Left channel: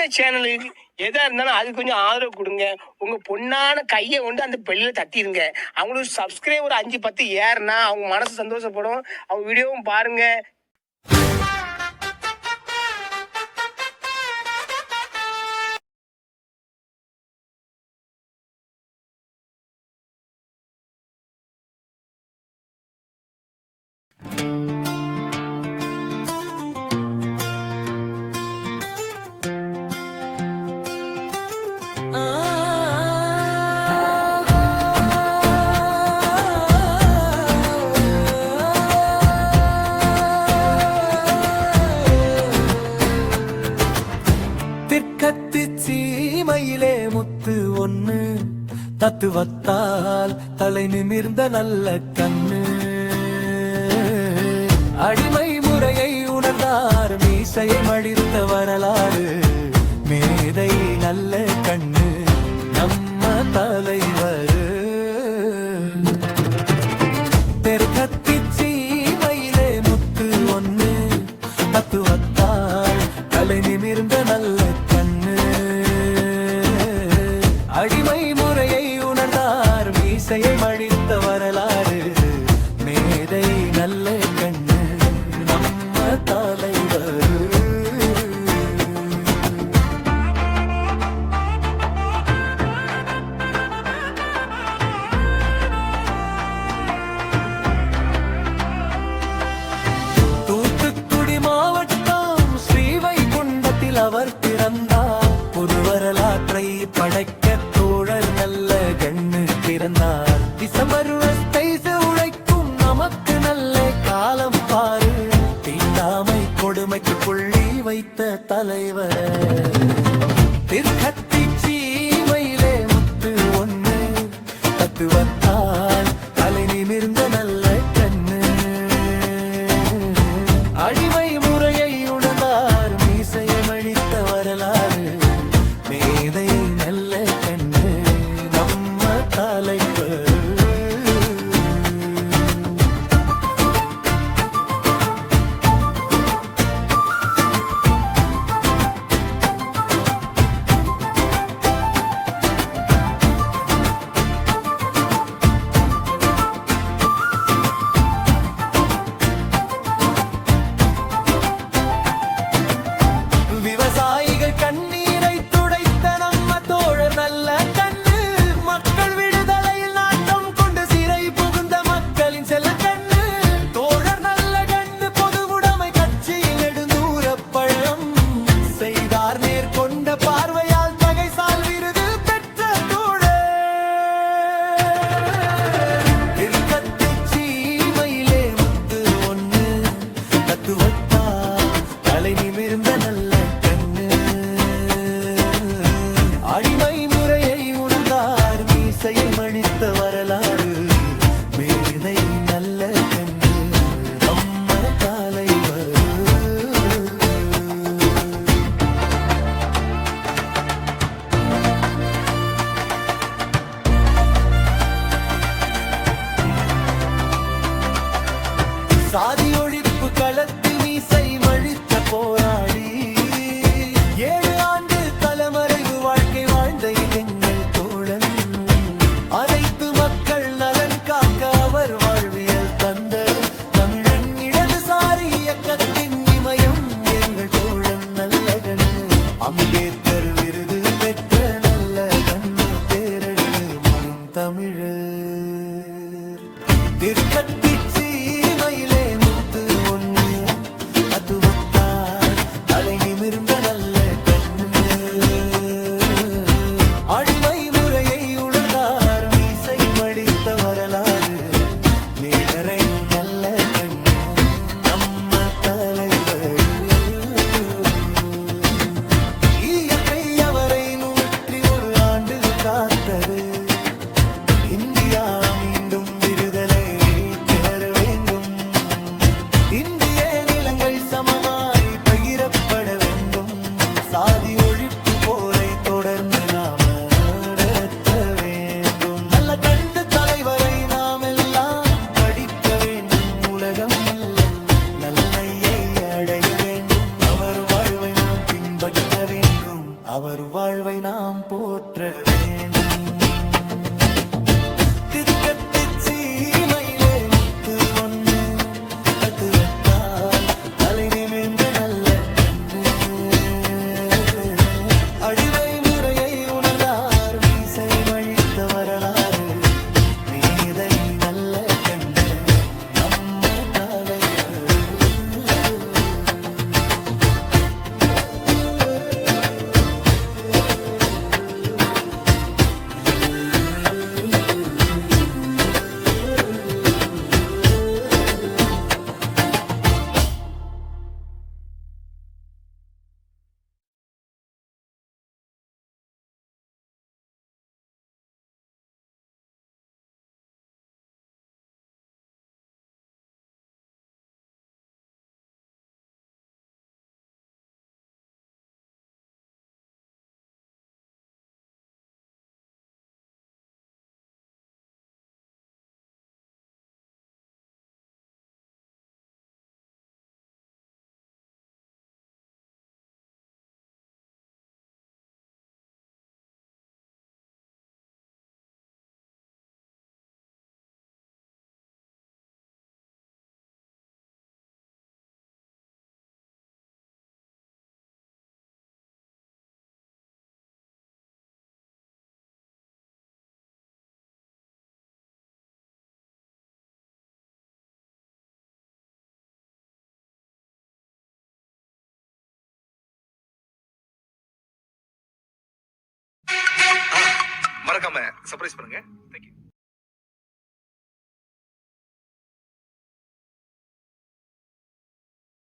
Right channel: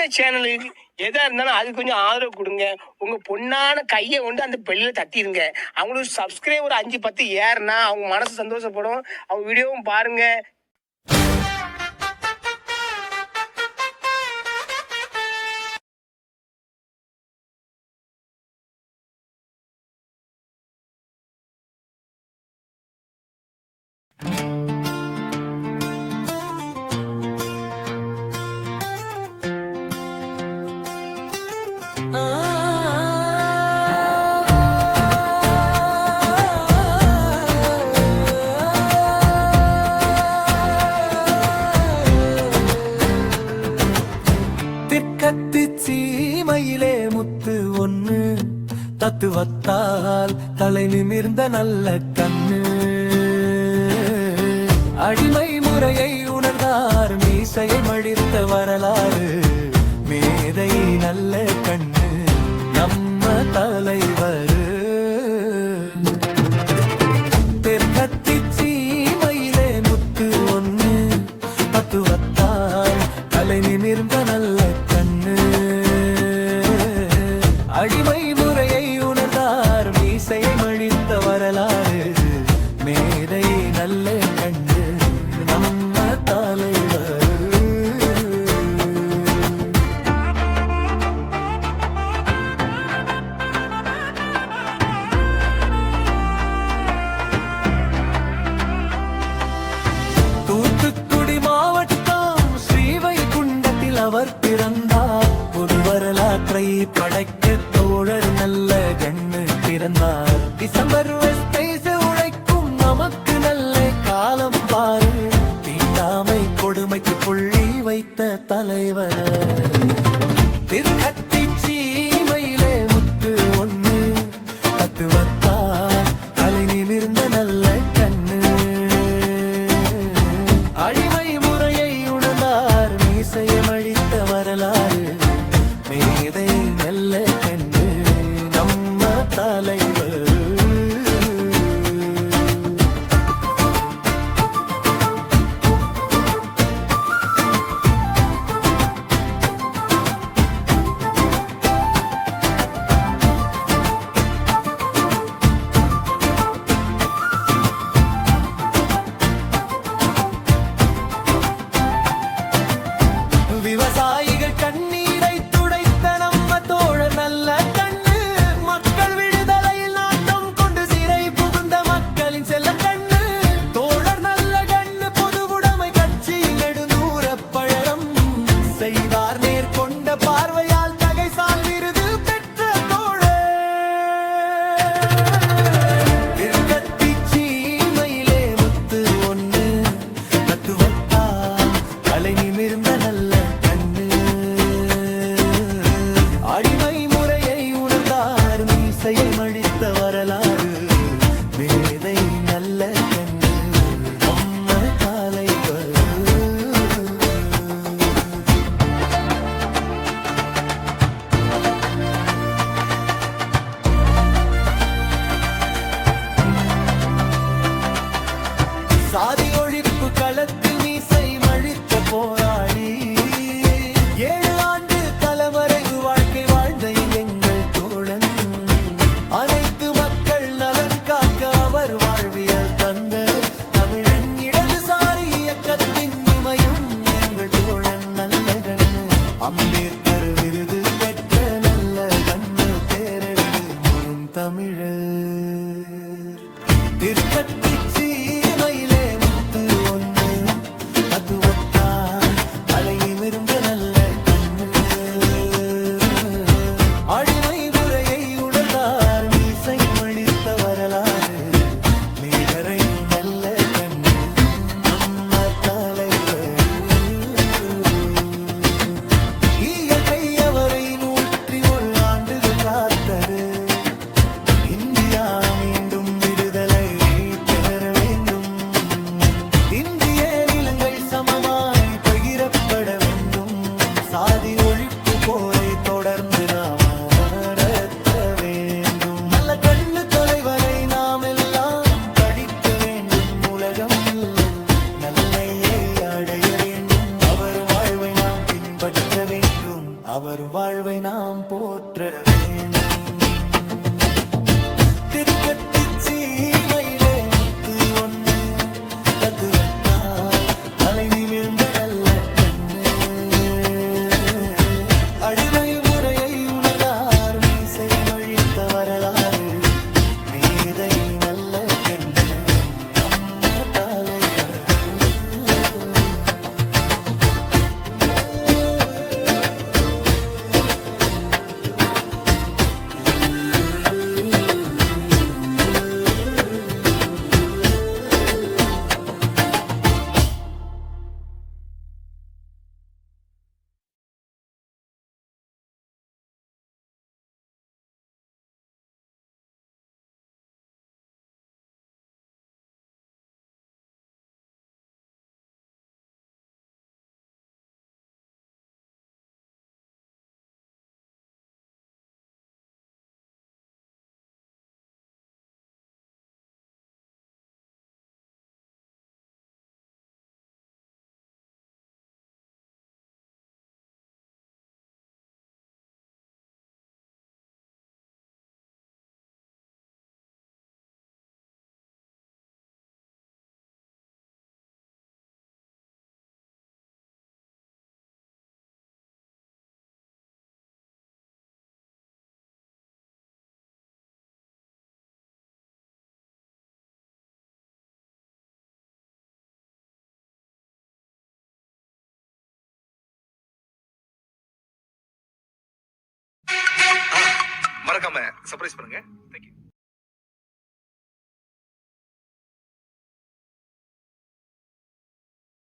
இந்த சேனலுக்கு எதா இருந்தாலும் அது கொஞ்சம் ஆதரவு கொடுங்க. உங்க பொண்ணான கையை கொண்டு அந்த பெல்லில் தட்டிடுங்க. அவங்களுக்கு சப்ஸ்கிரைபர் 5-10 ஏறுனா அவங்க மனசு சந்தோஷப்படும். அவங்க வீடியோவும் பாருங்க. திற்கத்து சீமையிலே முத்து ஒண்ணு தத்துவத்தால் தலை நிமிர்ந்த நல்ல கண்ணு அடிமை முறையை உணர்ந்தார் மீசையை மடித்த வரலாறு மேதை நல்ல கண்ணு நம்ம தலைவர் தெற்கத்தி சீமையிலே முத்து ஒண்ணு தத்துவத்தால் தலை நிமிர்ந்த நல்ல கண்ணு அடிமை முறையை உணர்ந்தார் மீசையை மடித்த வரலாறு மேதை நல்ல கண்ணு நம்ம தலைவர் தூத்துக்குடி மாவட்டம் ஸ்ரீவைகுண்டத்தில் அவர் பிறந்தார். புது வரலாற்றை படைக்க தோழர் நல்ல கண்ணு பிறந்தார். டிசம்பர் உழைக்கும் நமக்கு நல்ல காலம் பாரு தீண்டாமை கொடுமைக்கு புள்ளி வைத்த தலைவர் திற்கத்தி சீமையிலே முத்து ஒண்ணு தத்துவத்தால் தலை நிமிர்ந்த நல்ல கண்ணு அடிமை முறையை உணர்ந்தார் மீசையை மடித்த வரலாறு மேதை நல்ல கண்ணு நம்ம தலைவர் விவசாயிகள் கண்ணீரை துடைத்த நம்ம தோழர் நல்ல கண்ணு மக்கள் விடுதலையில் நாட்டம் கொண்டு சிறை புகுந்த மக்களின் செல்ல கண்ணு தோழர் நல்ல கண்ணு பொதுவுடைமை கட்சியில் நெடுந்தூர பழம் செய்தார் நேர்கொண்ட பார்வையால் தகைசால் விருது பெற்ற தோழர் திற்கத்தி சீமையிலே முத்து ஒண்ணு தத்துவத்தால் தலை நிமிர்ந்த நல்ல கண்ணு அடிமை முறையை உணர்ந்தார் மீசையை மடித்த வரலாறு மேதை நல்ல கண்ணு நம்ம தலைவர் சாதி ஒழிப்பு களத்தில் மீசை மழித்த போராடி 7 ஆண்டு தலைமறைவு வாழ்க்கை வாழ்ந்த எங்கள் தோழன் அனைத்து மக்கள் நலன் காக்க அவர் வாழ்வியல் தந்த தமிழன் இடதுசாரி இயக்கத்தின் இமயம் எங்கள் தோழன் நல்ல கண்ணு அம்பேத்கர் விருது பெற்ற நல்ல கண்ணு பேரழு முறும் தமிழர் திற்கத்தி சீமையிலே முத்து ஒண்ணு தத்துவத்தால் தலை நிமிர்ந்த நல்ல கண்ணு அடிமை முறையை உணர்ந்தார் மீசை மடித்த வரலாறு மேதரையும் நல்ல கண்ணு நம்ம தலைவர் இயற்கை அவரை 101 ஆண்டுகள் காத்தது இந்தியா மீண்டும் விடுதலை பெற வேண்டும் இந்திய நிலங்கள் சமமாய் பகிரப்பட வேண்டும் சாதி ஒழிப்பு போரை தொடர்ந்து நாம நடத்த வேண்டும் நல்ல கண்ணு தலைவரை நாம் எல்லாம் படிக்க வேண்டும் உலகம் நல்லையை அடைய வேண்டும் அவர் வாழ்வை நாம் பின்பற்ற வேண்டும், அவர் வாழ்வை நாம் போற்ற வேண்டும். திக்கத்திச்சீமையிலே முத்து ஒண்ணு தத்துவத்தால் தலை நிமிர்ந்த நல்ல கண்ணு. அடிமை முறையை உணர்ந்தார் மீசை மழித்த வரலாறு. மேதை நல்ல கண்ணு நம்ம தலைவர். மறக்காம சர்ப்ரைஸ் பண்ணுங்க. தேங்க்யூ.